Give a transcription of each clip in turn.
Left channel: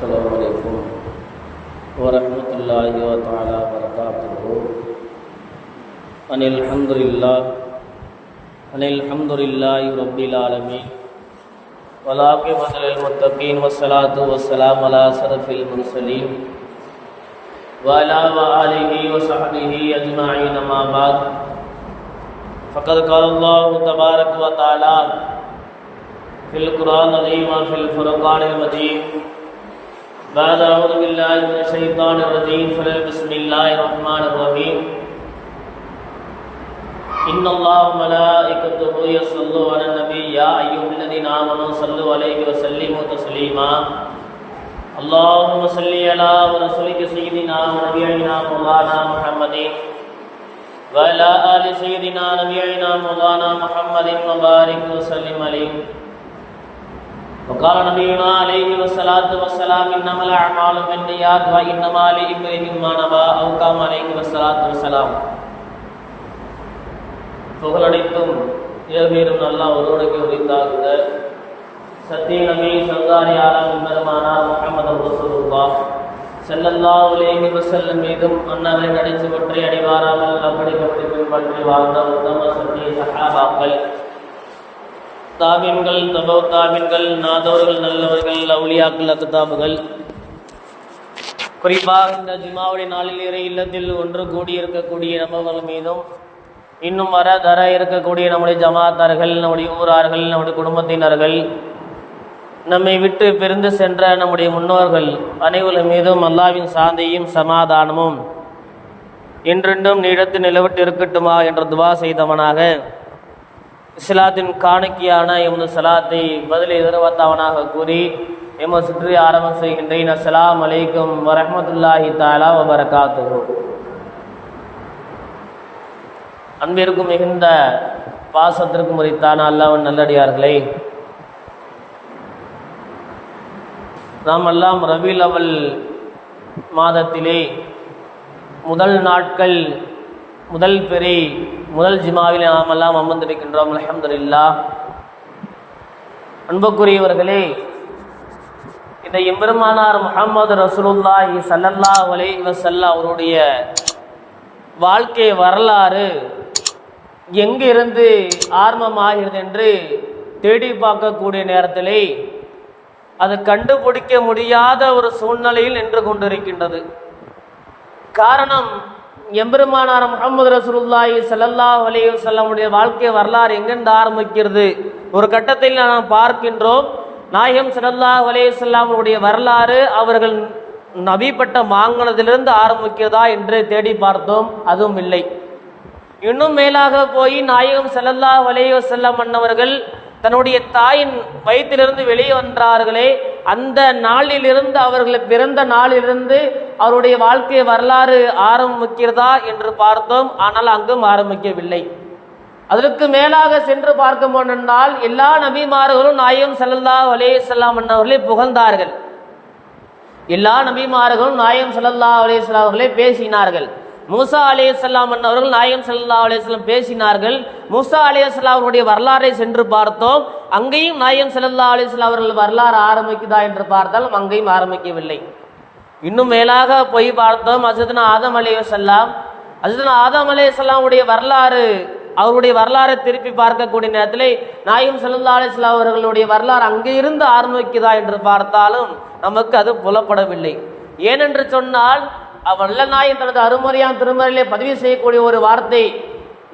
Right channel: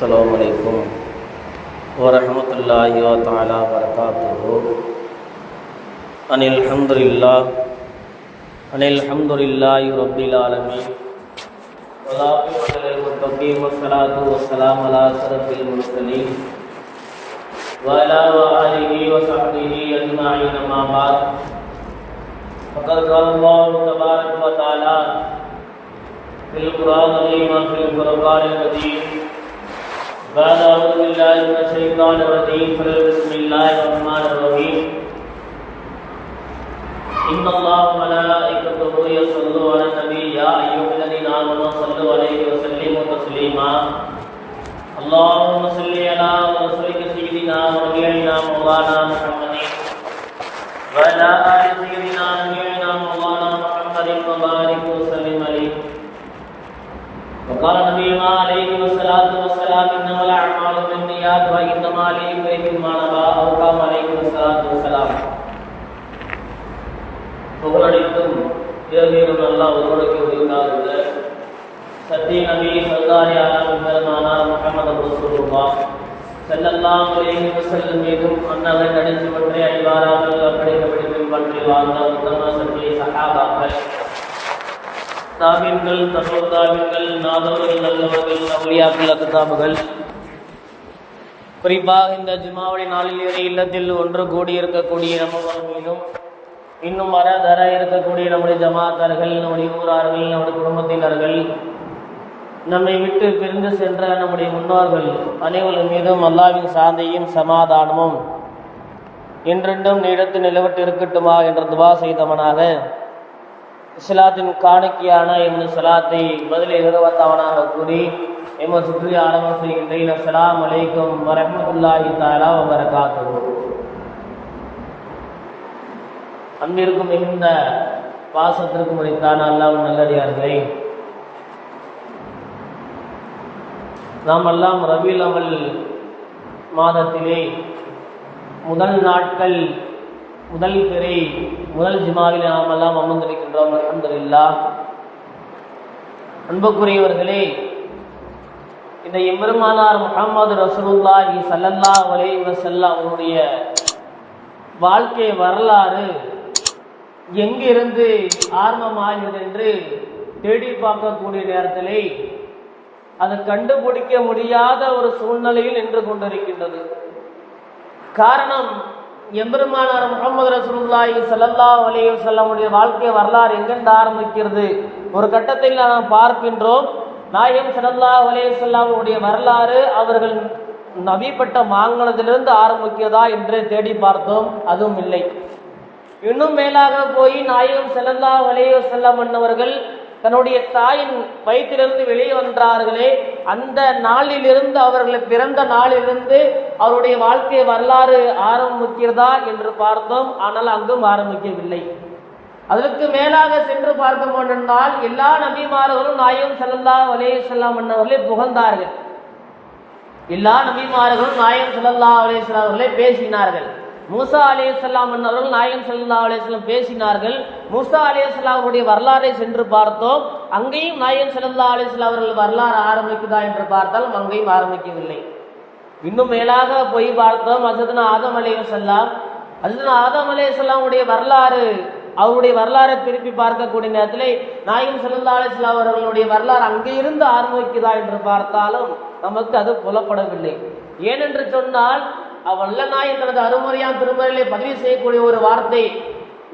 السلام علیکم ورحمۃ اللہ و تعالیٰ وبرکاتہ۔ ان الحمد للہ ان الحمد للہ رب العالمین۔ ولاقمۃ صرف وصحبہ اجمعین بعد۔ فقد قال اللہ تبارک و فی القرآن العظیم فی الفرقان المدین بعد اعوذ باللہ من الشیطان الرجیم فلل بسم اللہ الرحمن الرحیم. ان اللہ ملائکتہ یصلوا علی النبی، یا ایھا الذین آمنوا صلوا علیہ وسلموا تسلیما. اللهم صل علی رسولک سیدنا نبینا مولانا محمد وعلى آل سيدنا نبينا مولانا محمد وبارك وسلم عليه وقال نبينا الأعمال بالنيات وإنما لامرئ ما نوى أو كما عليه الصلاة والسلام புகழடித்தும் ஏவேறும் நல்லா ஒருவருக்கு உரித்தாகுங்க சத்திய நபி சல்லாஹி ஆலம் பெருமானார் முகமது ரசூலுல்லாஹ் ஸல்லல்லாஹு அலைஹி வஸல்லம் மீதும் அன்னவரை நடிச்சு பற்றி அடிவாராமல் அப்படி அப்படி பின்பற்றி வாழ்ந்த உத்தம சத்திய சஹாபாக்கள் தாபின்கள் தபோ தாபின்கள் நாதவர்கள் நல்லவர்கள் அவுலியாக்கள் அக்குதாபுகள் குறிப்பாக இந்த ஜிமாவுடைய நாளில் இல்லத்தில் ஒன்று கூடியிருக்கக்கூடிய இருக்கக்கூடிய மீதும் இன்னும் மர தர இருக்கக்கூடிய நம்முடைய ஜமாத்தார்கள் நம்முடைய ஊரார்கள் நம்முடைய குடும்பத்தினர்கள் நம்மை விட்டு பிரிந்து சென்ற நம்முடைய முன்னோர்கள் அனைவரும் மீதும் அல்லாவின் சாந்தியும் சமாதானமும் என்றென்றும் நீடத்து நிலவிட்டு இருக்கட்டுமா என்று துவா செய்தவனாக இஸ்லாத்தின் காணிக்கையான எமது சலாத்தை பதில் எதிர்பார்த்தவனாக கூறி எமது சுற்றி ஆரம்பம் செய்கின்றேன் அஸ்லாம் அலைக்கும் வரமத்துல்லாஹி தாலா வபரகாத்து அன்பிற்கும் மிகுந்த பாசத்திற்கும் உரித்தான அல்லவன் நல்லடியார்களே நாம் எல்லாம் ரபில் அவல் மாதத்திலே முதல் நாட்கள் முதல் பெரி முதல் ஜிமாவில் நாம் எல்லாம் அமர்ந்திருக்கின்றோம் அலமதுல்லா அன்புக்குரியவர்களே இந்த எம்பெருமானார் முகமது ரசூலுல்லாஹி சல்லல்லா அலை வசல்லா அவருடைய வாழ்க்கை வரலாறு எங்கிருந்து ஆரம்பமாகிறது என்று தேடி பார்க்கக்கூடிய நேரத்திலே அது கண்டுபிடிக்க முடியாத ஒரு சூழ்நிலையில் நின்று கொண்டிருக்கின்றது. காரணம் எம்பெருமானார் முகமது ரசூலுல்லாஹி சல்லல்லா அலைஹி வஸல்லமுடைய வாழ்க்கை வரலாறு எங்கிருந்து ஆரம்பிக்கிறது? ஒரு கட்டத்தில் நாம் பார்க்கின்றோம் நாயகம் ஸல்லல்லாஹு அலைஹி வரலாறு அவர்கள் நபிப்பட்ட மாங்கலத்திலிருந்து ஆரம்பிக்கிறதா என்று தேடி பார்த்தோம். அதுவும் இல்லை. இன்னும் மேலாக போய் நாயகம் செல்லல்லா வலையோ செல்லம் அன்னவர்கள் தன்னுடைய தாயின் வயிற்றிலிருந்து வெளியே வந்தார்களே அந்த நாளிலிருந்து அவர்கள் பிறந்த நாளிலிருந்து அவருடைய வாழ்க்கை வரலாறு ஆரம்பிக்கிறதா என்று பார்த்தோம். ஆனால் அங்கும் ஆரம்பிக்கவில்லை. அதற்கு மேலாக சென்று பார்த்தோம் என்றால் எல்லா நபிமார்களும் நாயகம் செல்லல்லா அலே செல்லாம் அவர்களே புகழ்ந்தார்கள். எல்லா நபிமார்களும் நாயகம் செல்லல்லா அலைஹி வஸல்லம் அவர்களை பேசினார்கள். மூசா அலையலாம் அவர்கள் நாயம் சல்லா அலையம் பேசினார்கள். மூசா அலையலாம் அவருடைய வரலாறை சென்று பார்த்தோம். அங்கேயும் நாயம் சல்லா அலிஸ்லாம் அவர்கள் வரலாறு ஆரம்பிக்குதா என்று பார்த்தால் அங்கேயும் ஆரம்பிக்கவில்லை. இன்னும் மேலாக போய் பார்த்தோம். அசதுனா ஆதம் அலையலாம் அசதுனா ஆதம் உடைய வரலாறு அவருடைய வரலாறை திருப்பி பார்க்கக்கூடிய நேரத்தில் நாயம் சல்லா அலிஸ்லாம் அவர்களுடைய வரலாறு அங்கே இருந்து ஆரம்பிக்குதா என்று பார்த்தாலும் நமக்கு அது புலப்படவில்லை. ஏனென்று சொன்னால் வல்ல நாயன் தனது அருமறையான் திருமறையிலே பதிவு செய்யக்கூடிய ஒரு வார்த்தை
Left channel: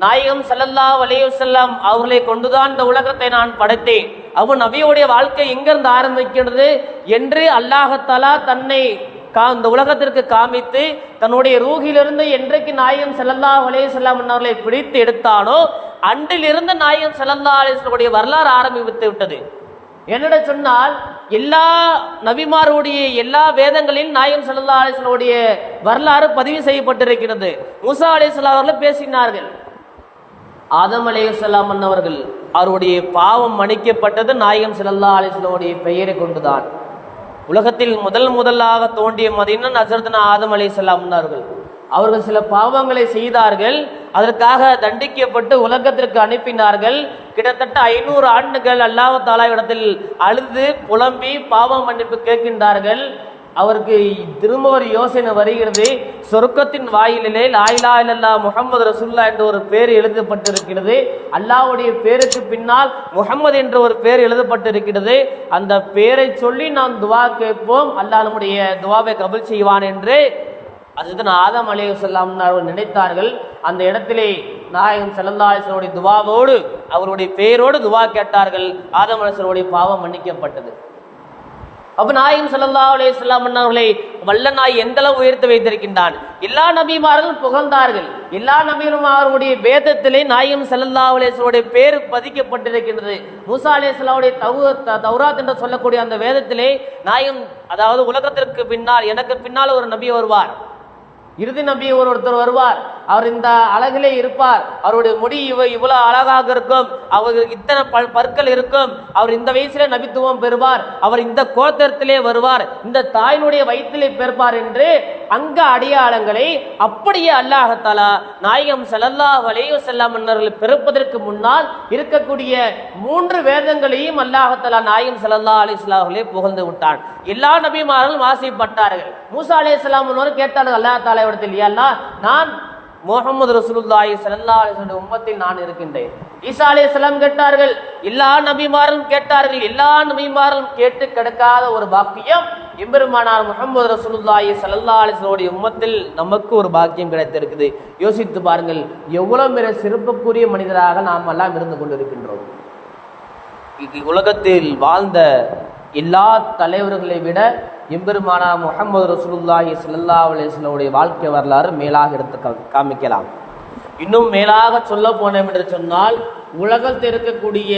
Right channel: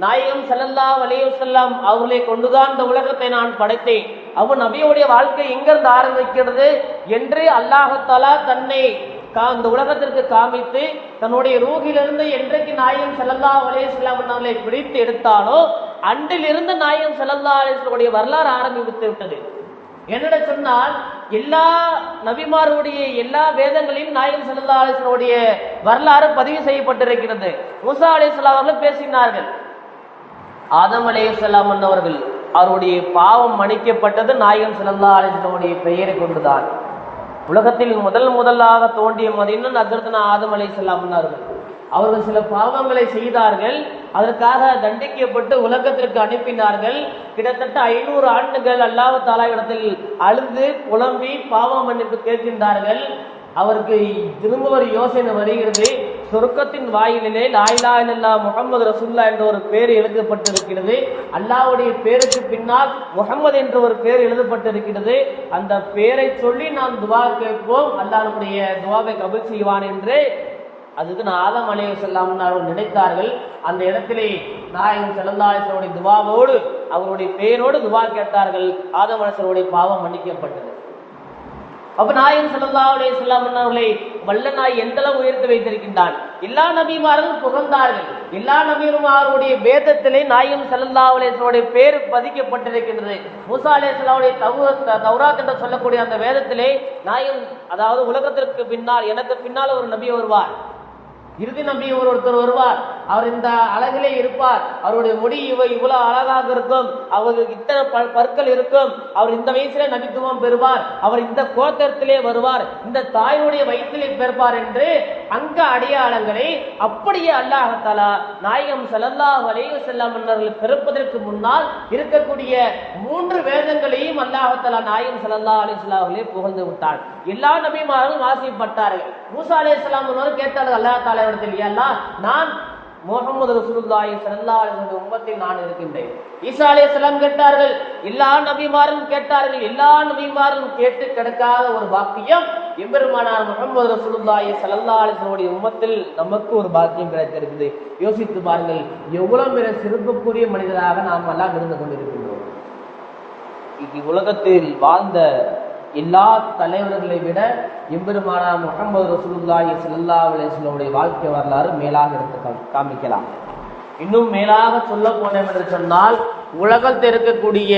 நாயகம் செல்லல்லா வலையுசல்லாம் செல்லம் அவர்களை கொண்டுதான் இந்த உலகத்தை நான் படைத்தேன். அவன் நபியுடைய வாழ்க்கை எங்கிருந்து ஆரம்பிக்கிறது என்று அல்லாஹத்தாலா தன்னை கா இந்த உலகத்திற்கு காமித்து தன்னுடைய ரூகிலிருந்து என்றைக்கு நாயகம் செல்லல்லா வலைய செல்லம் அவர்களை பிடித்து எடுத்தானோ அன்றிலிருந்து நாயகம் செல்லல்லா அலேஸ்வருடைய வரலாறு ஆரம்பித்து விட்டது. என்னட சொன்னால் எல்லா நபிமாருடைய எல்லா வேதங்களிலும் நாயம் சல்லா அலிஸ்வனுடைய வரலாறு பதிவு செய்யப்பட்டிருக்கிறது. முசா அலிஸ்லாம் அவர்கள் பேசினார்கள். ஆதம் அலேசல்லாம் அவர்கள் அவருடைய பாவம் மன்னிக்கப்பட்டது நாயகம் சல்லா அலிஸ்லமுடைய பெயரை கொண்டுதான். உலகத்தில் முதல் முதலாக தோண்டிய மதினம் நசரத்னா ஆதம் அலை அவர்கள் அவர்கள் சில பாவங்களை செய்தார்கள் அதற்காக தண்டிக்கப்பட்டு உலகத்திற்கு அனுப்பினார்கள். கிட்டத்தட்ட ஐநூறு ஆண்டுகள் அல்லாஹ் தாலா இடத்தில் அழுது புலம்பி பாவ மன்னிப்பு கேட்கின்றார்கள். அவருக்கு திரும்ப ஒரு யோசனை வருகிறது. சொர்க்கத்தின் வாயிலிலே லாயிலா இல்லல்லா முகமது ரசுல்லா என்ற ஒரு பேர் எழுதப்பட்டிருக்கிறது. அல்லாவுடைய பேருக்கு பின்னால் முகமது என்ற ஒரு பேர் எழுதப்பட்டிருக்கிறது. அந்த பேரை சொல்லி நாம் துவா கேட்போம். அல்லாஹ் நம்முடைய துவாவை கபுல் செய்வான் என்று. அதுதான் ஆதம் அலையுசல்லாம் அவர்கள் நினைத்தார்கள். அந்த இடத்திலே நாயகம் செல்லல்லாசனுடைய துவாவோடு அவருடைய பெயரோடு துவா கேட்டார்கள். ஆதம் அலைசனுடைய பாவம் மன்னிக்கப்பட்டது. அப்போ நாயகம் ஸல்லல்லாஹு அலைஹி வஸல்லம் அவர்களை வல்ல நாய் எந்த அளவு வைத்திருக்கின்றான்? எல்லா நபிமார்கள் புகழ்ந்தார்கள். எல்லா நபியும் அவருடைய வேதத்திலே நாயகம் ஸல்லல்லாஹு அலைஹி பேர் பதிக்கப்பட்டிருக்கின்றது. மூசா அலைஹிஸ்ஸலாமுடைய தவு தௌராத் என்று சொல்லக்கூடிய அந்த வேதத்திலே நாயகம் அதாவது உலகத்திற்கு பின்னால் எனக்கு பின்னால் ஒரு நபி வருவார். இறுதி நபி ஒரு ஒருத்தர் வருவார். அவர் இந்த அழகிலே இருப்பார். அவருடைய முடி இவ இவ்வளவு அழகாக இருக்கும். அவருக்கு இத்தனை பல் பற்கள் இருக்கும். அவர் இந்த வயசுல நபித்துவம் பெறுவார். அவர் இந்த கோத்திரத்திலே வருவார். இந்த தாயினுடைய வயிற்றிலே பெறுவார் என்று அங்க அடையாளங்களை அப்படியே அல்லாஹத்தாலா நாயகம் ஸல்லல்லாஹு வலையோ வஸல்லம் மன்னர்கள் பிறப்பதற்கு முன்னால் இருக்கக்கூடிய மூன்று வேதங்களையும் அல்லாஹத்தாலா நாயகம் ஸல்லல்லாஹு அலைஹி புகழ்ந்து விட்டான். எல்லா நபிமார்களும் வாசிப்பட்டார்கள். மூசா அலைஹிஸ்ஸலாம் முன்னோர் கேட்டார்கள் அல்லாஹ் தாலா இடத்தில் இல்லையா நான் முகமது ரசூலுல்லாஹி ஸல்லல்லாஹு அலிஸ்வன் உம்மத்தில் நான் இருக்கின்றேன். ஈசா அலைஹிஸ்ஸலாம் கேட்டார்கள் எல்லா நபிமாரும் கேட்டார்கள் எல்லா நபிமாரும் கேட்டு கிடைக்காத ஒரு பாக்கியம் எம்பெருமானார் முகமது ரசூலுல்லாஹி ஸல்லல்லாஹு அலிஸ்வனுடைய உம்மத்தில் நமக்கு ஒரு பாக்கியம் கிடைத்திருக்குது. யோசித்து பாருங்கள் எவ்வளவு மிக சிறப்புக்குரிய மனிதராக நாம் எல்லாம் இருந்து கொண்டிருக்கின்றோம். உலகத்தில் வாழ்ந்த எல்லா தலைவர்களை விட எம்பெருமானா முகமது ரசூலுல்லாஹி ஸல்லல்லாஹு அலைஹி வாழ்க்கை வரலாறு மேலாக எடுத்து காமிக்கலாம். இன்னும் மேலாக சொல்ல போனோம் என்று சொன்னால் உலகத்தில் இருக்கக்கூடிய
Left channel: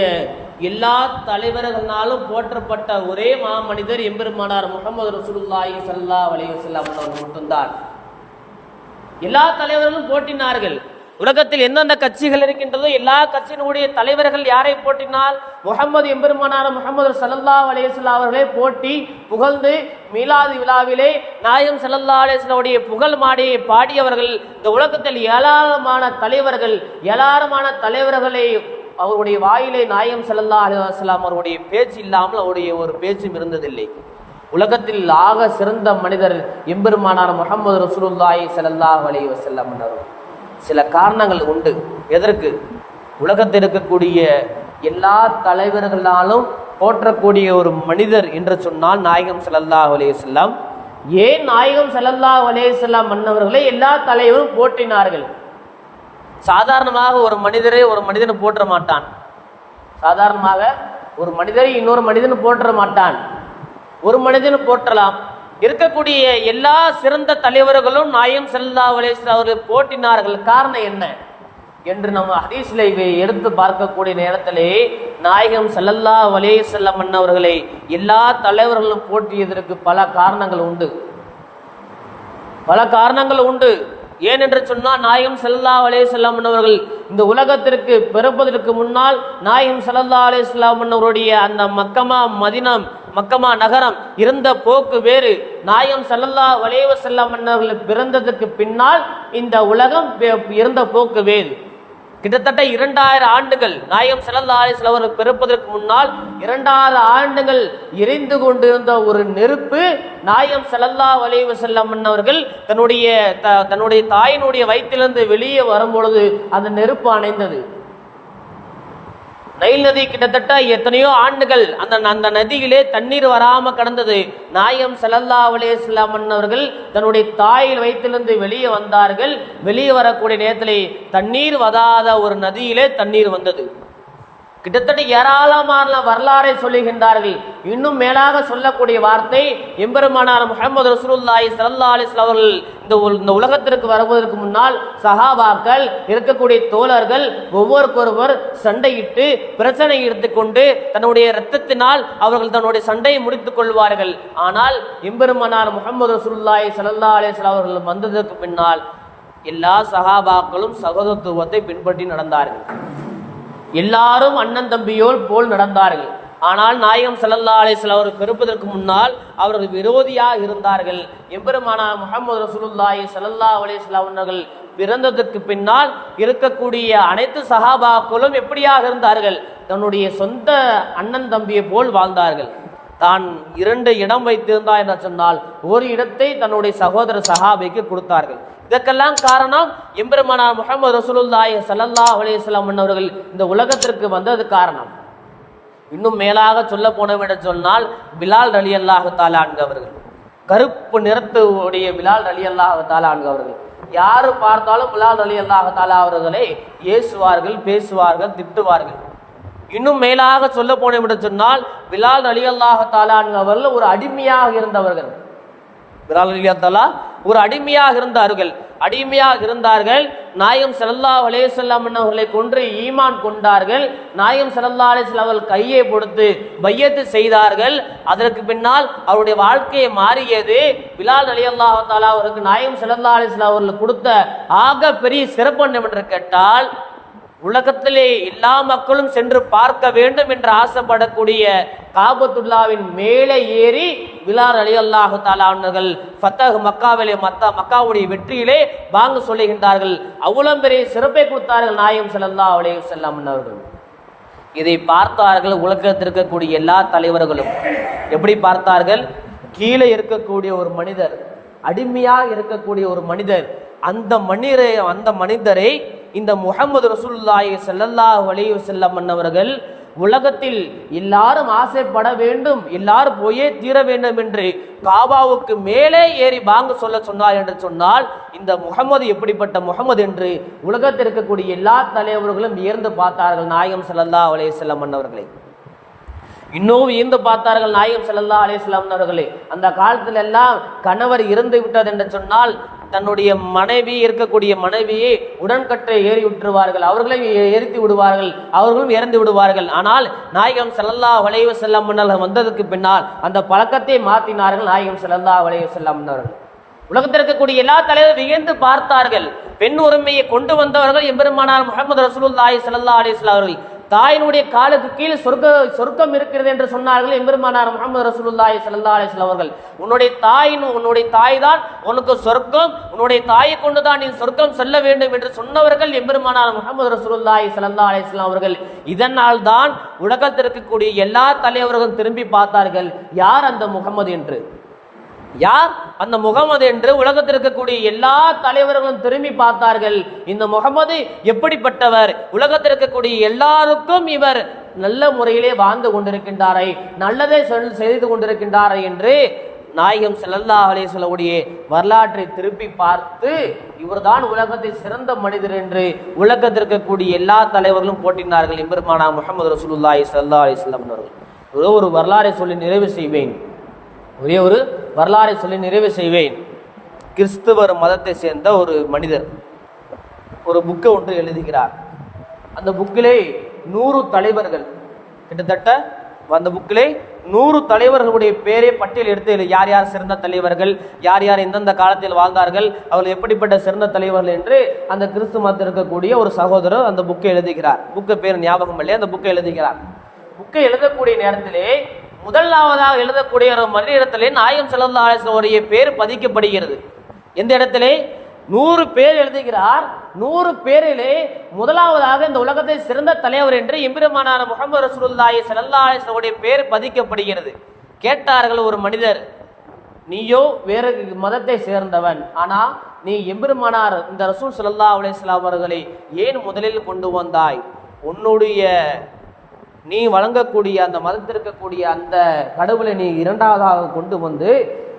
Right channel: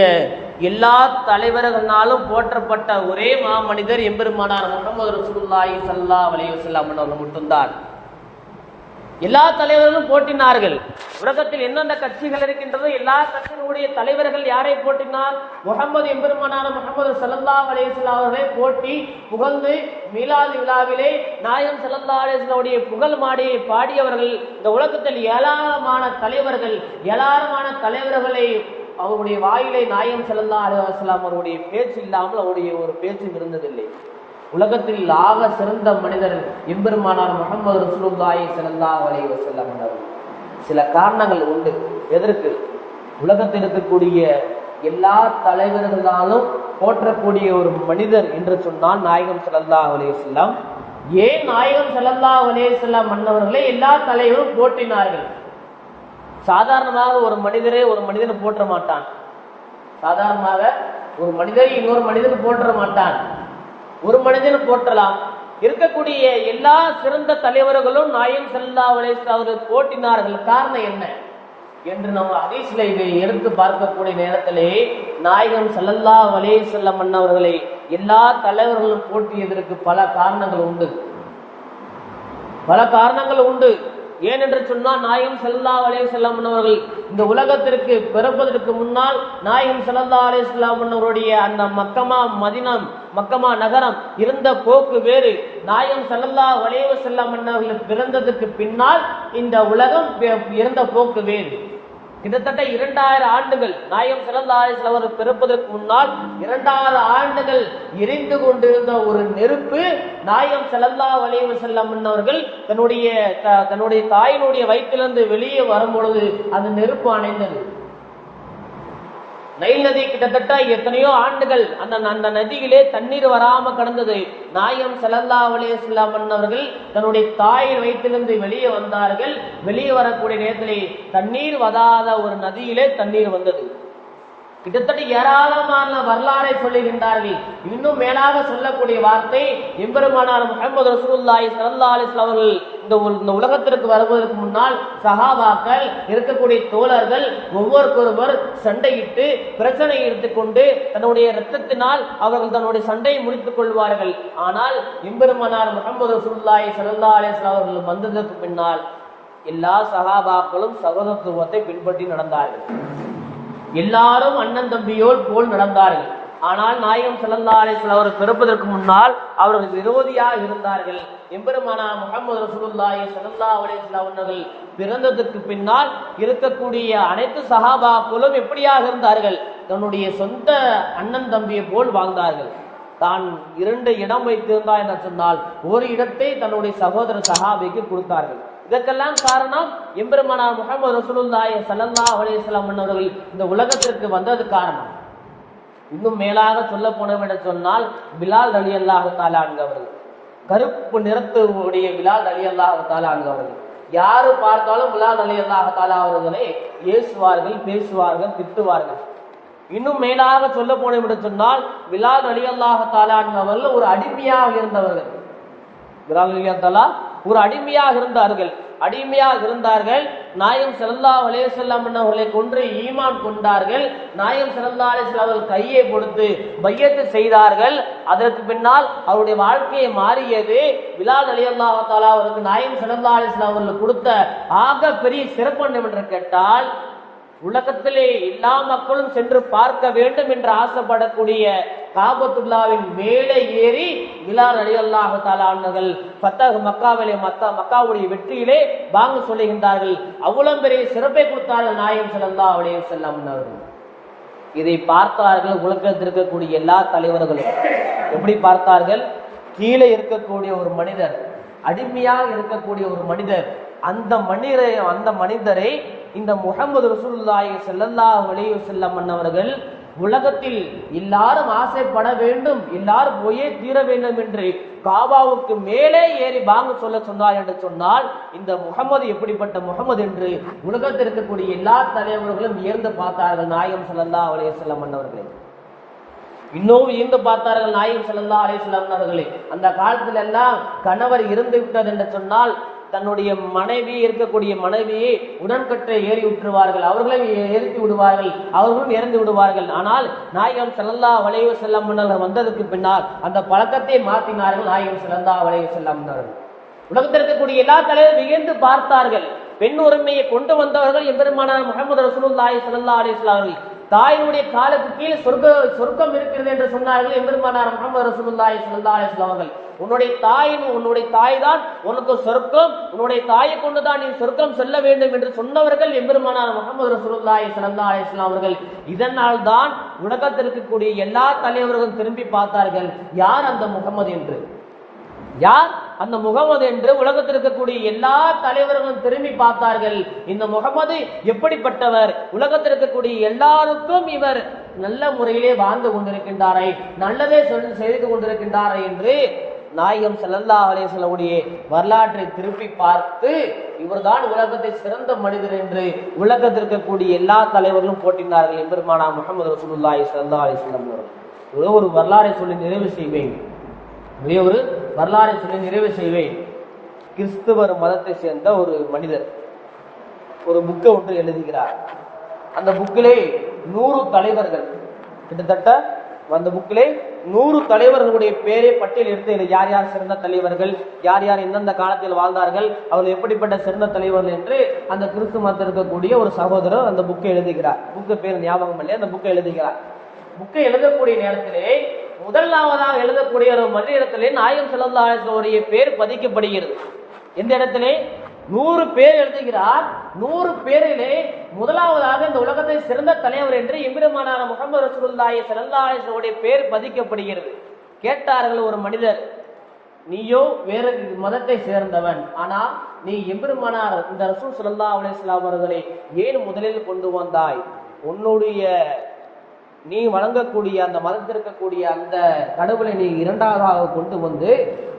எல்லா தலைவர்களாலும் போற்றப்பட்ட ஒரே மாமனிதர் எம்பெருமானார் முகமது ரசூலுல்லாஹி சல்லா அலைஹி வஸல்லம் அவர்கள் மட்டும்தான். எல்லா தலைவர்களும் போட்டினார்கள். உலகத்தில் எந்தெந்த கட்சிகள் இருக்கின்றதோ எல்லா கட்சியினுடைய தலைவர்கள் யாரை போட்டினால் முகமது எம்பெருமானான முகமது சல்லா அலேஸ்லா அவர்களை போட்டி புகழ்ந்து மீலாது விழாவிலே நாயம் சல்லா அலேஸ்லாவுடைய புகழ் மாடியை பாடியவர்கள் இந்த உலகத்தில் ஏராளமான தலைவர்கள் ஏராளமான தலைவர்களை அவருடைய வாயிலே நாயம் ஸல்லல்லாஹு அலுவலாம் அவருடைய பேச்சு இல்லாமல் அவருடைய ஒரு பேச்சும் இருந்ததில்லை. உலகத்தில் ஆக சிறந்த மனிதர் எம்பெருமானார் முகமது ரசூலுல்லாய் ஸல்லல்லாஹு அலைஹி வஸல்லம் சில காரணங்கள் உண்டு. எதற்கு? உலகத்தில் இருக்கக்கூடிய எல்லா தலைவர்களாலும் போற்றக்கூடிய ஒரு மனிதர் என்று சொன்னால் நாயகம் செல்லல்லா அலைஹி ஏன் நாயகம் செல்லல்லா அலைஹி வஸல்லம் மன்னவர்களை எல்லா தலைவரும் போற்றினார்கள்? சாதாரணமாக ஒரு மனிதரை ஒரு மனிதனை போற்ற மாட்டான். சாதாரணமாக ஒரு மனிதரை இன்னொரு மனிதன் போற்ற மாட்டான். ஒரு மனிதன் போற்றலாம். இருக்கக்கூடிய எல்லா சிறந்த தலைவர்களும் நாயம் செல்லா வலேஸ்வர் அவர்கள் போட்டினார்கள் காரணம் என்ன? என்று நம்ம ஹதீஸ்ல இவை எடுத்து பார்க்கக்கூடிய நேரத்திலே நாயகம் செல்லல்லா வலே செல்லம் அண்ணவர்களை எல்லா தலைவர்களும் போற்றியதற்கு பல காரணங்கள் உண்டு. பல காரணங்கள் உண்டு. ஏனென்று சொன்னால் நாயகம் செல்லா அலே செல்லாம் அவர்கள் இந்த உலகத்திற்கு பிறப்பதற்கு முன்னால் நாயகம் செல்லா அலே செல்லாம் அவருடைய அந்த மக்கமா மதினம் மக்கமா நகரம் இருந்த போக்கு வேறு. நாயகம் செல்லல்லா அலைஹி வஸல்லம் அவர்கள் பிறந்ததற்கு பின்னால் இந்த உலகம் இருந்த போக்கு வேறு. கிட்டத்தட்ட இரண்டாயிரம் ஆண்டுகள் நாயகம் ஸல்லல்லாஹு அலைஹி அவர்கள் பிறப்பதற்கு முன்னால் இரண்டாயிரம் ஆண்டுகள் எரிந்து கொண்டிருந்த ஒரு நெருப்பு நாயகம் ஸல்லல்லாஹு வலிவு செல்லம் அவர்கள் தன்னுடைய த- தன்னுடைய தாயினுடைய வயிற்றிலிருந்து வெளியே வரும்பொழுது அந்த நெருப்பு அணைந்தது. நைல் நதி கிட்டத்தட்ட எத்தனையோ ஆண்டுகள் அந்த அந்த நதியிலே தண்ணீர் வராம கடந்தது. நாயம் ஸல்லல்லாஹு அலைஹி வஸல்லம் அவர்கள் தன்னுடைய தாயில் வயிற்றிலிருந்து வெளியே வந்தார்கள். வெளியே வரக்கூடிய நேரத்திலே தண்ணீர் வதாத ஒரு நதியிலே தண்ணீர் வந்தது. கிட்டத்தட்ட ஏராளமான வரலாறை சொல்லுகின்றார்கள். இன்னும் மேலாக சொல்லக்கூடிய வார்த்தை எம்பெருமானார் முகமது ரசூலுல்லாஹி சல்லா அலைஹி அவர்கள் இந்த இந்த உலகத்திற்கு வருவதற்கு முன்னால் சஹாபாக்கள் இருக்கக்கூடிய தோழர்கள் ஒவ்வொருக்கொருவர் சண்டையிட்டு பிரச்சனை எடுத்துக்கொண்டு தன்னுடைய இரத்தத்தினால் அவர்கள் தன்னுடைய சண்டையை முடித்துக் கொள்வார்கள். ஆனால் எம்பெருமானார் முகமது ரசூலுல்லாஹி சல்லா அலைஹி அவர்கள் வந்ததற்கு பின்னால் எல்லா சஹாபாக்களும் சகோதரத்துவத்தை பின்பற்றி நடந்தார்கள். எல்லாரும் அண்ணன் தம்பியோல் போல் நடந்தார்கள். ஆனால் நாயகம் ஸல்லல்லாஹு அலைஹி வஸல்லம் அவர் பிறப்பதற்கு முன்னால் அவர்கள் விரோதியாக இருந்தார்கள். எம்பெருமானா முகமது ரசூலுல்லாஹி ஸல்லல்லாஹு அலைஹி அவர்கள் பிறந்ததற்கு பின்னால் இருக்கக்கூடிய அனைத்து சஹாபாக்களும் எப்படியாக இருந்தார்கள்? தன்னுடைய சொந்த அண்ணன் தம்பியை போல் வாழ்ந்தார்கள். தான் இரண்டு இடம் வைத்திருந்தா என்று சொன்னால் ஒரு இடத்தை தன்னுடைய சகோதர சஹாபிக்கு கொடுத்தார்கள். இதற்கெல்லாம் காரணம் எம்பெருமானார் முகமது ரசூலுல்லாய் சல்லல்லா அலேஸ்லாம் அவர்கள் இந்த உலகத்திற்கு வந்தது காரணம். இன்னும் மேலாக சொல்ல போனோம் என்று சொன்னால் பிலால் அலி அல்லாஹு அவர்கள் கருப்பு நிறத்து உடைய பிலால் அலி அல்லாஹு அவர்கள் யாரு பார்த்தாலும் பிலால் அலி அல்லாஹு அவர்களை ஏசுவார்கள் பேசுவார்கள் திட்டுவார்கள். இன்னும் மேலாக சொல்ல போனோம் என்று சொன்னால் பிலால் அலி அல்லாஹு அவர்கள் ஒரு அடிமையாக இருந்தவர்கள். பிலால் அலி அல்லாஹ் ஒரு அடிமையாக இருந்தார்கள். அடிமையாக இருந்தார்கள். நாயம் செல்லல்லா அலேசல்லாம் அவர்களை கொன்று ஈமான் கொண்டார்கள். நாயம் செல்லல்லா அலேஸ்லாம் அவர்கள் கையை கொடுத்து பையத்து செய்தார்கள். அதற்கு பின்னால் அவருடைய வாழ்க்கையை மாறியது. விலால் அலி அல்லா தாலா அவருக்கு நாயம் செல்லல்லா அலேஸ்லாம் அவர்கள் கொடுத்த ஆக பெரிய சிறப்பு என்னவென்று கேட்டால் உலகத்திலே எல்லா மக்களும் சென்று பார்க்க வேண்டும் என்று ஆசைப்படக்கூடிய காபத்துல்லாவின் மேலே ஏறி விலார் அலி அல்லாஹு தாலாண்டர்கள் ஃபத்தஹ் மக்காவிலே மத்தா மக்காவுடைய வெற்றியிலே வாங்க சொல்லுகின்றார்கள். அவ்வளவு பெரிய சிறப்பை கொடுத்தார்கள் நாயம் செல்லல்லா அலைய செல்லம் அவர்கள். இதை பார்த்தார்கள் உலகத்தில் இருக்கக்கூடிய எல்லா தலைவர்களும். எப்படி பார்த்தார்கள்? கீழே இருக்கக்கூடிய ஒரு மனிதர் அடிமையாக இருக்கக்கூடிய ஒரு மனிதர் அந்த மனிதரை அந்த மனிதரை இந்த முகமது ரசூல்லாய் செல்லல்லா அலைஹி செல்லம் மன்னவர்கள் உலகத்தில் எல்லாரும் ஆசைப்பட வேண்டும் எல்லாரும் போயே தீர வேண்டும் என்று காபாவுக்கு மேலே ஏறி பாங்க சொல்ல சொன்னார் என்று சொன்னால் இந்த முகமது எப்படிப்பட்ட முகமது என்று உலகத்தில் இருக்கக்கூடிய எல்லா தலைவர்களும் வியர்ந்து பார்த்தார்கள் நாயகம் செல்லல்லா அலைஹி செல்லம் மன்னவர்களை இன்னும் ஈர்ந்து பார்த்தார்கள் நாயகம் செல்லல்லா அலைஹி வஸல்லம் அவர்களே அந்த காலத்தில் எல்லாம் கணவர் இறந்து விட்டது என்று சொன்னால் தன்னுடைய மனைவி இருக்கக்கூடிய மனைவியை உடன்கட்டை ஏறி விட்டுருவார்கள். அவர்களை எரித்து விடுவார்கள். அவர்களும் இறந்து விடுவார்கள். ஆனால் நாயகம் செல்லல்லா வளைவு செல்லம் அவர்கள் வந்ததுக்கு பின்னால் அந்த பழக்கத்தை மாற்றினார்கள் நாயகம் செல்லல்லா வளைவு செல்லம் அவர்கள். உலகத்தில் இருக்கக்கூடிய எல்லா தலைவரும் வியந்து பார்த்தார்கள். பெண் உரிமையை கொண்டு வந்தவர்கள் எம்பெருமானார் முகமது ரசூலுல்லாஹி ஸல்லல்லாஹு அலைஹி வஸல்லம் அவர்கள். தாயினுடைய காலுக்கு கீழ் சொர்க்க சொர்க்கம் இருக்கிறது என்று சொன்னார்கள் எம்பெருமானார் முகமது ரசூலுல்லாய் சல்லா அலைஹி அவர்கள். உன்னுடைய தாயின் உன்னுடைய தாய் தான் உனக்கு சொர்க்கம் உன்னுடைய தாயை கொண்டு தான் நீ சொர்க்கம் செல்ல வேண்டும் என்று சொன்னவர்கள் எம்பெருமானார் முகமது ரசூலுல்லாய் சல்லா அலைஹி அவர்கள். இதனால் தான் உலகத்தில் இருக்கக்கூடிய எல்லா தலைவர்களும் திரும்பி பார்த்தார்கள் யார் அந்த முகமது என்று? யார்? அந்த முகமது என்று உலகத்தில் இருக்கக்கூடிய எல்லா தலைவர்களும் திரும்பி பார்த்தார்கள். இந்த முகமது எப்படிப்பட்டவர்? உலகத்தில் இருக்கக்கூடிய எல்லாருக்கும் இவர் நல்ல முறையிலே வாழ்ந்து கொண்டிருக்கின்றாரை நல்லதே சொல் செய்து கொண்டிருக்கின்றாரை என்று நாயகம் செல்லல்லா அலே சொல்லக்கூடிய வரலாற்றை திருப்பி பார்த்து இவர்தான் உலகத்தை சிறந்த மனிதர் என்று உலகத்தில் இருக்கக்கூடிய எல்லா தலைவர்களும் போட்டினார்கள் எம்பெருமானா முகமது ரசூலுல்லாஹி சல்லா அலைஹி வஸல்லம் அவர்கள். ஒரே ஒரு வரலாறை சொல்லி நிறைவு செய்வேன். ஒரே ஒரு வரலாறை சொல்லி நிறைவு செய்வேன். கிறிஸ்துவர் மதத்தை சேர்ந்த ஒரு மனிதர் ஒரு புக்கை ஒன்று எழுதுகிறார். அந்த புக்கிலே நூறு தலைவர்கள் கிட்டத்தட்ட அந்த புக்கிலே நூறு தலைவர்களுடைய பேரை பட்டியல் எடுத்து யார் யார் சிறந்த தலைவர்கள் யார் யார் எந்தெந்த காலத்தில் வாழ்ந்தார்கள் அவர்கள் எப்படிப்பட்ட சிறந்த தலைவர்கள் என்று அந்த கிறிஸ்து மதத்தில் இருக்கக்கூடிய ஒரு சகோதரர் அந்த புக்கை எழுதுகிறார். புக்கு பேர் ஞாபகம் இல்லையா? அந்த புக்கை எழுதுகிறார். புக்கை எழுதக்கூடிய நேரத்திலே முதலாவதாக எழுதக்கூடிய ஒரு மனித இடத்திலே நாயகம் ஸல்லல்லாஹு பேர் பதிக்கப்படுகிறது. எந்த இடத்திலே? நூறு பேர் எழுதுகிறார். நூறு பேரிலே முதலாவதாக இந்த உலகத்தை சிறந்த தலைவர் என்று எம்பிரமானான முகமது ரசூல்லாய் ஸல்லல்லாஹு பேர் பதிக்கப்படுகிறது. கேட்டார்கள் ஒரு மனிதர் நீயோ வேறு மதத்தை சேர்ந்தவன். ஆனால் நீ எம்பெருமானார் இந்த ரசூல் ஸல்லல்லாஹு அலுவலாம் அவர்களை ஏன் முதலில் கொண்டு வந்தாய்? உன்னுடைய நீ வழங்கக்கூடிய அந்த மதத்திற்கக்கூடிய அந்த கடவுளை நீ இரண்டாவதாக கொண்டு வந்து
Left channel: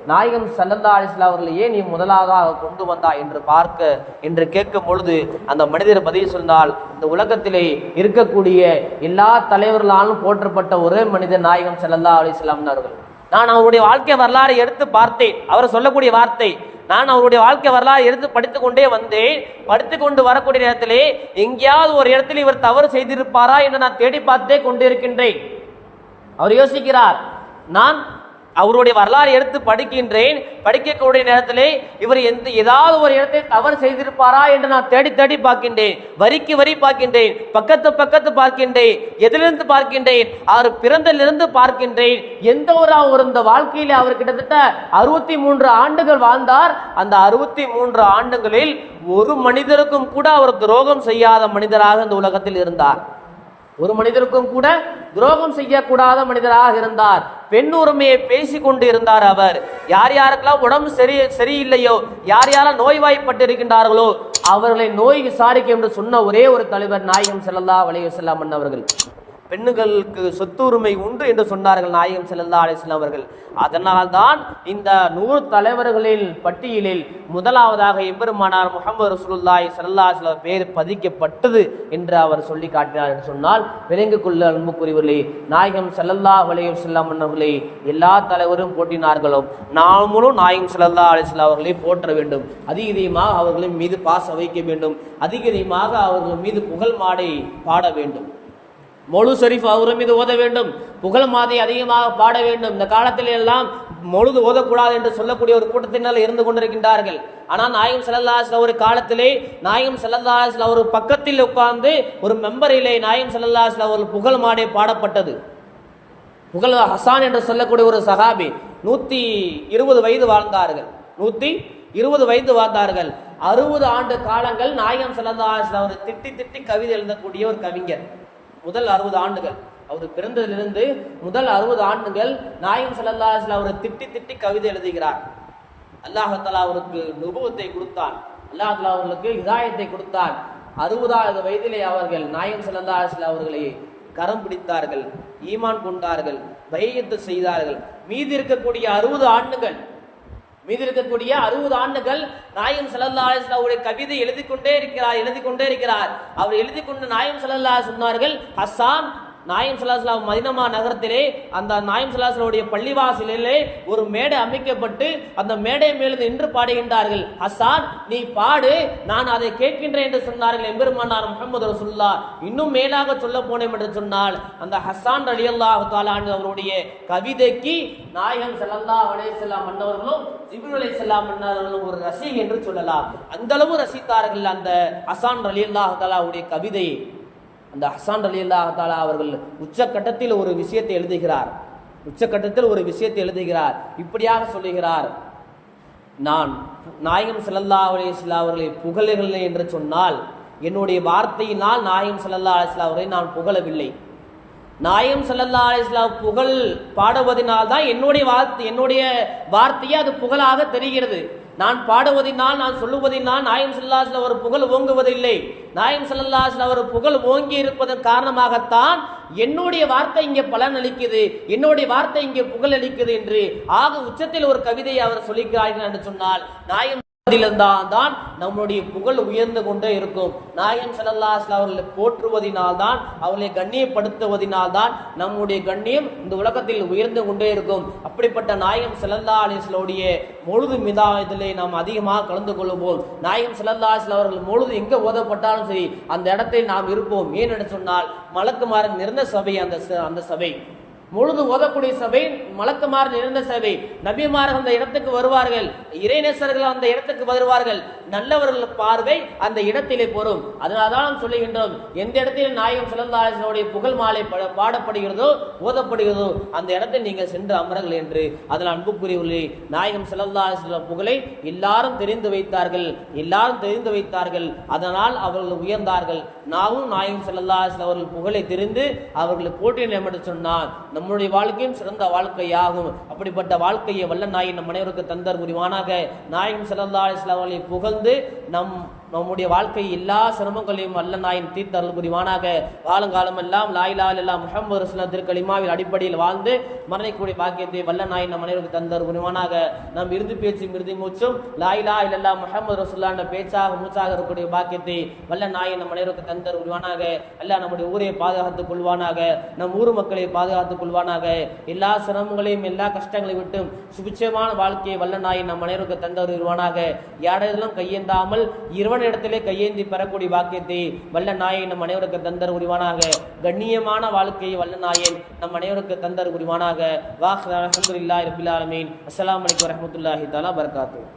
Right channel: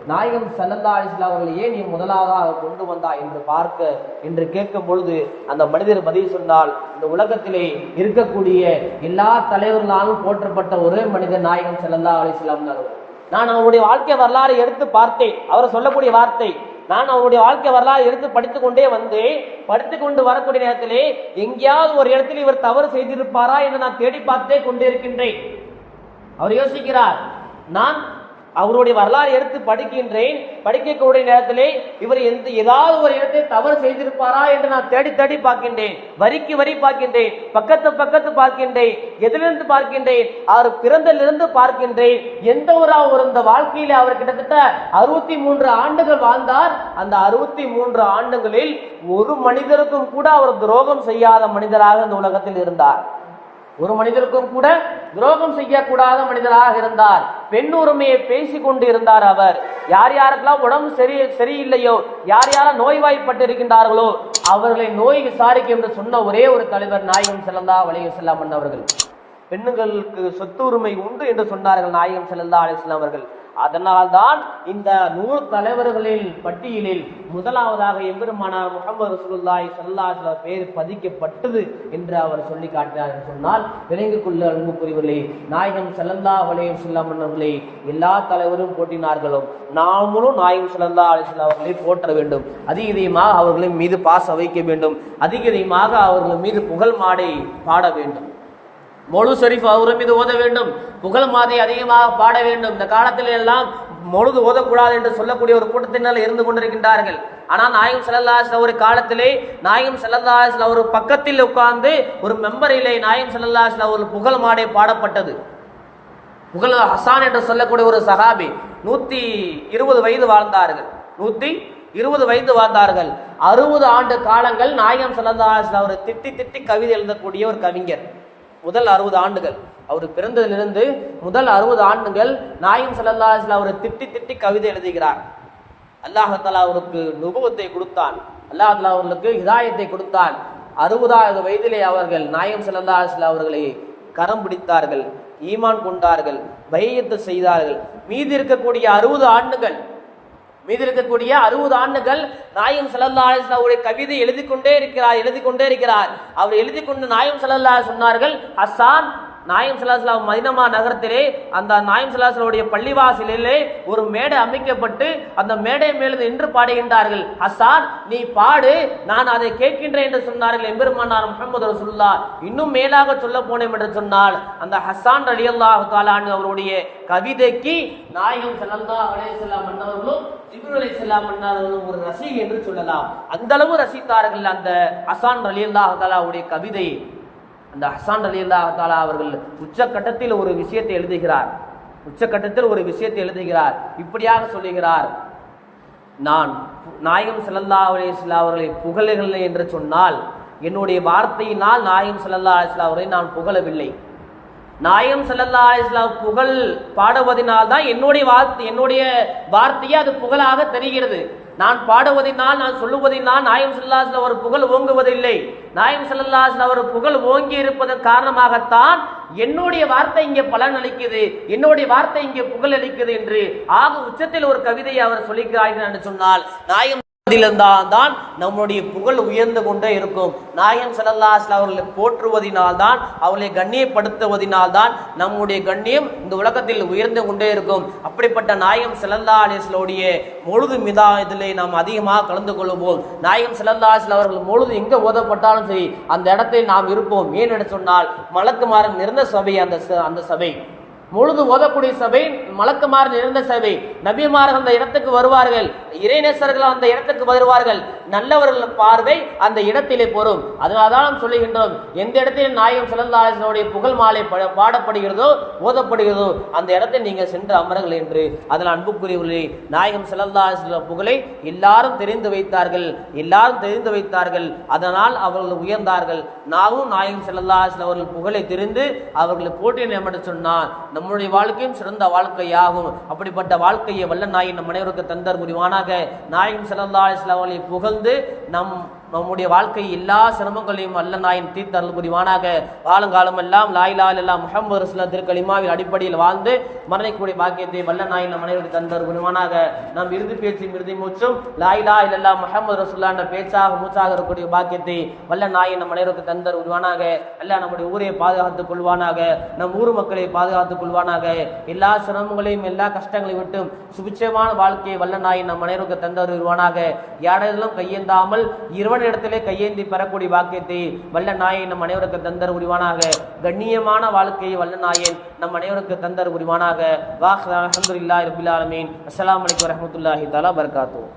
நாயகன் சல்லல்லா அலிஸ்லா அவர்களையே நீ முதலாக கொண்டு வந்தா என்று பார்க்க என்று கேட்கும் பொழுது அந்த மனிதர் பதில் சொன்னால் இந்த உலகத்திலே இருக்கக்கூடிய எல்லா தலைவர்களாலும் போற்றப்பட்ட ஒரே மனிதர் நாயகன் சல்லல்லா அலிஸ்லாம் அவர்கள். நான் அவருடைய வாழ்க்கை வரலாறை எடுத்து பார்த்தேன். அவர் சொல்லக்கூடிய வார்த்தை நான் அவருடைய வாழ்க்கை வரலாறு எடுத்து படித்து கொண்டே வந்தேன். படித்து கொண்டு வரக்கூடிய நேரத்திலே எங்கேயாவது ஒரு இடத்தில் இவர் தவறு செய்திருப்பாரா என்று நான் தேடி பார்த்தே கொண்டிருக்கின்றேன். அவர் யோசிக்கிறார் நான் அவருடைய வரலாறு எடுத்து படிக்கின்றேன். படிக்கக்கூடிய நேரத்திலே இவர் எந்த ஏதாவது ஒரு இடத்தை தவறு செய்திருப்பாரா என்று நான் தேடி தேடி பார்க்கின்றேன். வரிக்கு வரி பார்க்கின்றேன். பக்கத்து பக்கத்து பார்க்கின்றேன். எதிலிருந்து பார்க்கின்றேன். அவர் பிறந்திலிருந்து பார்க்கின்றேன். எந்த ஒரு அவர் இந்த வாழ்க்கையில அவர் கிட்டத்தட்ட அறுபத்தி மூன்று ஆண்டுகள் வாழ்ந்தார். அந்த அறுபத்தி மூன்று ஆண்டுகளில் ஒரு மனிதருக்கும் கூட அவர் துரோகம் செய்யாத மனிதராக இந்த உலகத்தில் இருந்தார். ஒரு மனிதருக்கும் கூட துரோகம் செய்யக்கூடாத மனிதராக இருந்தார். பெண் உரிமையை பேசி கொண்டு இருந்தார் அவர். யார் யாருக்கெல்லாம் உடம்பு சரி சரியில்லையோ யார் யாரெல்லாம் நோய்வாய்ப்பட்டு இருக்கின்றார்களோ அவர்களை நோய் விசாரிக்க என்று சொன்ன ஒரே ஒரு தலைவர் நாயகம் செல்லல்லா வலைய செல்லாமன் அவர்கள் பெண்ணுகளுக்கு சொத்து உரிமை உண்டு என்று சொன்னார்கள் நாயகம் செல்லல்லா அலிஸ்லாம் அவர்கள். அதனால்தான் இந்த நூறு தலைவர்களில் பட்டியலில் முதலாவதாக எம்பெருமானார் முகமது ரசூலுல்லாய் ஸல்லல்லாஹு அலைஹி பேர் பதிக்கப்பட்டது என்று அவர் சொல்லி காட்டினார் என்று சொன்னால் விளங்கிக் கொள்ள அன்புக்குரியவர்களே நாயகம் செல்லல்லா அலையம் வஸல்லம் அவர்களே எல்லா தலைவரும் போட்டினார்களோ நாமளும் நாயகம் செல்லல்லா அலைஹி அவர்களை போற்ற வேண்டும். அதிகமாக அவர்களின் மீது பாச வைக்க வேண்டும். அதிகமாக அவர்கள் மீது புகழ் மாடை பாட வேண்டும். மொழு ஷரீஃப் அவரும் மீது ஓத வேண்டும். புகழ் மாதை அதிகமாக பாட வேண்டும். இந்த காலத்தில் எல்லாம் மொழுது ஓதக்கூடாது என்று சொல்லக்கூடிய ஒரு கூட்டத்தினால் இருந்து கொண்டிருக்கின்றார்கள். ஆனால் நாயகம் செல்லல்லாஸ்ல ஒரு காலத்திலே நாயகம் செல்லல்லாஸ்ல ஒரு பக்கத்தில் உட்கார்ந்து ஒரு மெம்பரிலே நாயகம் செல்லல்லாஸ்ல ஒரு புகழ் மாடை பாடப்பட்டது. புகழ் ஹசான் என்று சொல்லக்கூடிய ஒரு சகாபி நூற்றி இருபது வயது வாழ்ந்தார்கள். நூற்றி இருபது வயது வாழ்ந்தார்கள். அறுபது ஆண்டு காலங்கள் நாயகம் செல்லல்லாஸ்ல அவர் திட்டி திட்டி கவிதை எழுதக்கூடிய ஒரு கவிஞர். முதல் அறுபது ஆண்டுகள். அவர் பிறந்ததிலிருந்து முதல் அறுபது ஆண்டுகள் நாயம் சல்லல்லாஹில் அவர் திட்டி திட்டி கவிதை எழுதுகிறார். அல்லாஹாலா அவருக்கு நுபவத்தை கொடுத்தான். அல்லாஹாலா அவர்களுக்கு இதாயத்தை கொடுத்தான். அறுபதாவது வயதிலே அவர்கள் நாயம் சல்லல்லாஹில் அவர்களை கரம் பிடித்தார்கள் ஈமான் கொண்டார்கள் பையத்து செய்தார்கள். மீதி இருக்கக்கூடிய அறுபது ஆண்டுகள் மீதி இருக்கக்கூடிய அறுபது ஆண்டுகள் நாயம் சல்லல்லா அவருடைய கவிதை எழுதி கொண்டே இருக்கிறார் எழுதி கொண்டே இருக்கிறார். அவர் எழுதி கொண்டு நாயம் சல்லல்லா சொன்னார்கள் ஹஸ்ஸான் நாயம் சல்லாஸ்லாம் மதினமா நகரத்திலே அந்த நாயம் சலாஸ்லாவுடைய பள்ளிவாசலிலே ஒரு மேடை அமைக்கப்பட்டு அந்த மேடை மேலிருந்து நின்று பாடுகின்றார்கள். ஹசான் நீ பாடு நான் அதை கேட்கின்றேன் என்று சொன்னார்கள் எம்பெருமானார் முகமது ரசுல்லா இன்னும் மேலாக சொல்ல போனேன் என்று சொன்னால் அந்த ஹஸ்ஸான் அலி அல்லாஹ் தாலான் அவருடைய கவிதைக்கு நாயகம் செல்லல்லா அலையம் மன்னவர்களும் ஜிபுர் அலி செல்லாம் மன்னர்களும் ஒரு ரசி என்று சொல்லலாம். அந்த அளவு ரசித்தார்கள் அந்த ஹசான் அலி அல்லாஹ் தாலாவுடைய கவிதையை அந்த ஹசான் அலி அல்லாஹாலா அவர்கள் உச்சக்கட்டத்தில் ஒரு விஷயத்தை எழுதுகிறார். உச்சக்கட்டத்தில் ஒரு விஷயத்தை எழுதுகிறார். இப்படியாக சொல்லுகிறார். நான் நாயகம் சல்லல்லா அலிஸ்லா அவர்களை புகழவில்லை என்று சொன்னால் என்னுடைய வார்த்தையினால் நாயகம் சல்லல்லா அலிஸ்லா அவரை நான் புகழவில்லை. நாயம் சல்லல்லா அலிஸ்லா புகழ் பாடுவதனால் தான் என்னுடைய வார்த்தை என்னுடைய வார்த்தையே அது புகழாக தெரிகிறது. நான் பாடுவதினால் நான் சொல்லுவதினால் நாயம் ஸல்லல்லாஹு ஒரு புகழ் ஓங்குவதில்லை. நாயம் ஸல்லல்லாஹு ஒரு புகழ் ஓங்கி இருப்பதன் காரணமாகத்தான் என்னுடைய வார்த்தை இங்கே பலன் அளிக்குது என்னுடைய வார்த்தை இங்கே புகழ் அளிக்குது என்று ஆக உச்சத்தில் ஒரு கவிதையை அவர் சொல்லிக்கிறார்கள் என்று சொன்னால் நாயம் தான் நம்முடைய புகழ் உயர்ந்து கொண்டே இருக்கும். நாயம் சல்லல்லாஸ்ல அவர்களை போற்றுவதினால் தான் அவர்களை கண்ணியப்படுத்துவதினால் தான் நம்முடைய கண்ணியம் இந்த உலகத்தில் உயர்ந்து கொண்டே இருக்கும். அப்படிப்பட்ட நாயம் செல்லல்லா அலிஸ்லோடைய முழுது மிதா இதில் நாம் அதிகமாக கலந்து கொள்ளுவோம் நாயம் செல்லல்லா அவர்கள் முழுது எங்கே ஓதப்பட்டாலும் சரி அந்த இடத்தில் நாம் இருப்போம். ஏன் என்று சொன்னால் மலக்குமாரன் நிறந்த சபை அந்த ச- அந்த சபை. முழுது ஓதக்கூடிய சபை மலக்குமார் நிறைந்த சபை. நபிமார்கள் அந்த இடத்துக்கு வருவார்கள். இறைநேசர்கள் அந்த இடத்துக்கு வருவார்கள். நல்லவர்கள் பார்வை அந்த இடத்திலே பொறும். அதனால்தான் நாம் சொல்லுகின்றோம் எந்த இடத்தில் நாயகம் சிலந்தாசனுடைய புகழ் மாலை பட- பாடப்படுகிறதோ ஓதப்படுகிறதோ அந்த இடத்தில் நீங்கள் சென்று அமருங்கள் என்று அதனால் அன்புக்குரியவர்களே நாயகம் சிலந்தாச புகழை எல்லாரும் தெரிந்து வைத்தார்கள். எல்லாரும் தெரிந்து வைத்தார்கள். அதனால் அவர்கள் உயர்ந்தார்கள். நாமும் நாயகம் செல்லல்லாஸ் அவர்கள் புகழை தெரிந்து அவர்களை போட்டியிடம் என்று சொன்னான் நம்முடைய வாழ்க்கையும் சிறந்த வாழ்க்கையாகும். அப்படிப்பட்ட வாழ்க்கையை வல்ல நாயின் நம் அனைவருக்கு தந்தர் முடிவானாக நாயின் சிறந்த புகழ்ந்து நம் நம்முடைய வாழ்க்கை எல்லா சிரமங்களையும் அல்ல நாயின் தீர்த்தருள் புரிவானாக வாழுங்காலம் எல்லாம் லாயிலால் எல்லாம் முகமது ரசுல்லா திருக்கலிமாவின் அடிப்படையில் வாழ்ந்து மரணிக்கூடிய பாக்கியத்தை வல்ல நாயின் நம் அனைவருக்கு தந்தர் புரிவானாக நம் இறுதி பேச்சும் இறுதி மூச்சும் லாயிலா இல்லல்லா முகமது ரசுல்லா என்ற பேச்சாக மூச்சாக இருக்கக்கூடிய பாக்கியத்தை வல்ல நாயின் நம் அனைவருக்கு தந்தர் உருவானாக அல்ல நம்முடைய ஊரை பாதுகாத்துக் கொள்வானாக. நம் ஊர் மக்களை பாதுகாத்துக் கொள்வானாக. எல்லா சிரமங்களையும் எல்லா கஷ்டங்களையும் விட்டும் சுபிட்சமான வாழ்க்கையை வல்ல நாயின் நம் அனைவருக்கு தந்தர் உருவானாக யாரெல்லாம் கையேந்தாமல் இறைவனிடத்திலே கையேந்தி பெறக்கூடிய பாக்கியத்தை வல்ல நாயை நம் அனைவருக்கு தந்தர் உரிவானாக. கண்ணியமான வாழ்க்கையை வல்ல நாயன் நம் அனைவருக்கு தந்தர் உரிவானாக. வாஹ் அலமதுல்லாஹி ரபில் ஆலமீன். அஸ்லாம் வலைக்கம் வரமத்துல்லாஹி தாலா பரகாத்துஹு